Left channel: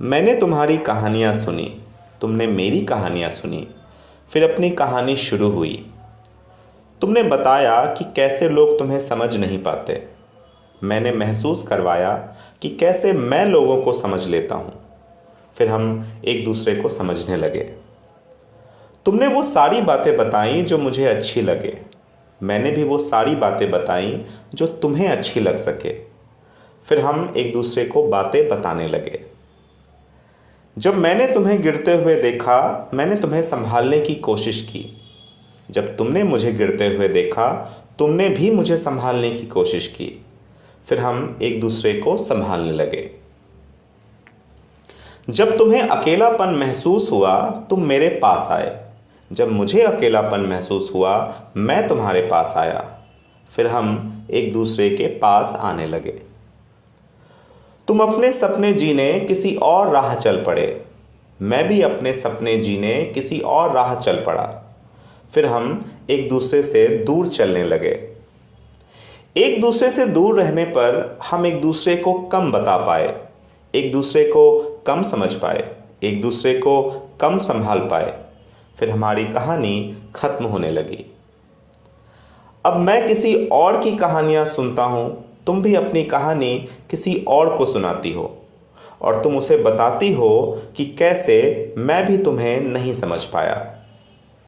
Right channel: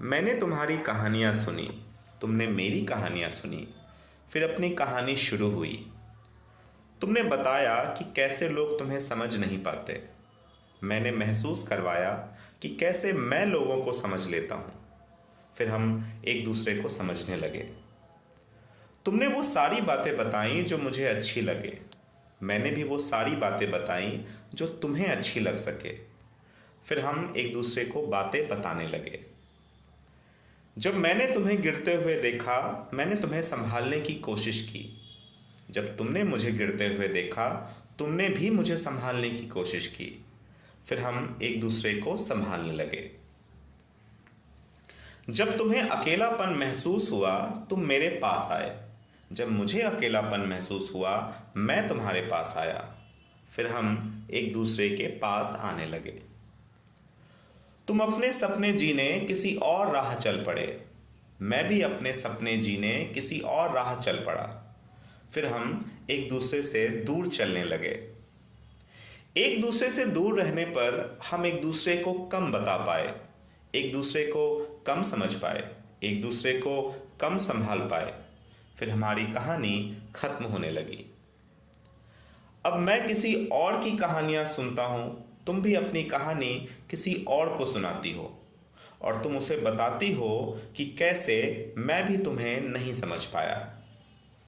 मैंने तुम्हारी कहानियाँ सुनी, तुमने मेरी कहानियाँ सुनी, फिर अपनी कहानी शुरू हुई। तुमने बताया कि कैसे लोग तुम्हें समझ नहीं पाते। मैंने महसूस करवाया कि कैसे मैं लोगों को समझ लेता हूँ। फिर हम एक दूसरे को समझने लगे। तुमने वो सारी बातें बताई जो मुझे अच्छी लगे। मैंने भी वो सारी बातें बताई जो तुम्हें अच्छी लग सके। फिर हम एक दूसरे को बातें बताने लगे। जब मैंने तुम्हें गिरते हुए देखा, मैंने तुम्हें संभालने की कोशिश की। जब तुमने मुझे गिरते हुए देखा, तुमने भी मुझे संभालने की कोशिश की। फिर हम एक दूसरे को संभालने लगे। जब तुम्हें अकेलापन महसूस हुआ, तुम मेरे पास आए। जब मुझे अकेलापन महसूस हुआ, मैं तुम्हारे पास आया। फिर हम एक दूसरे के पास आने लगे। तुम अपने सपने जीने किसी और राह चल पड़े। मैं भी अपने सपने जीने किसी और राह चल पड़ा। फिर हम एक दूसरे से दूर चलने लगे। एक दूसरे से दूर रहने पर हम एक दूसरे को कम बता पाए, एक दूसरे को कम समझ पाए, एक दूसरे को कम संभाल पाए। फिर हमारी कहानी खत्म होने लगी। अब मैं किसी और की कहानियाँ सुनता हूँ। तुम भी अपनी कहानी किसी और को सुनाती हो और तुम उसे बताती हो कि कैसे मैं भी तुम्हें नहीं समझ पाया।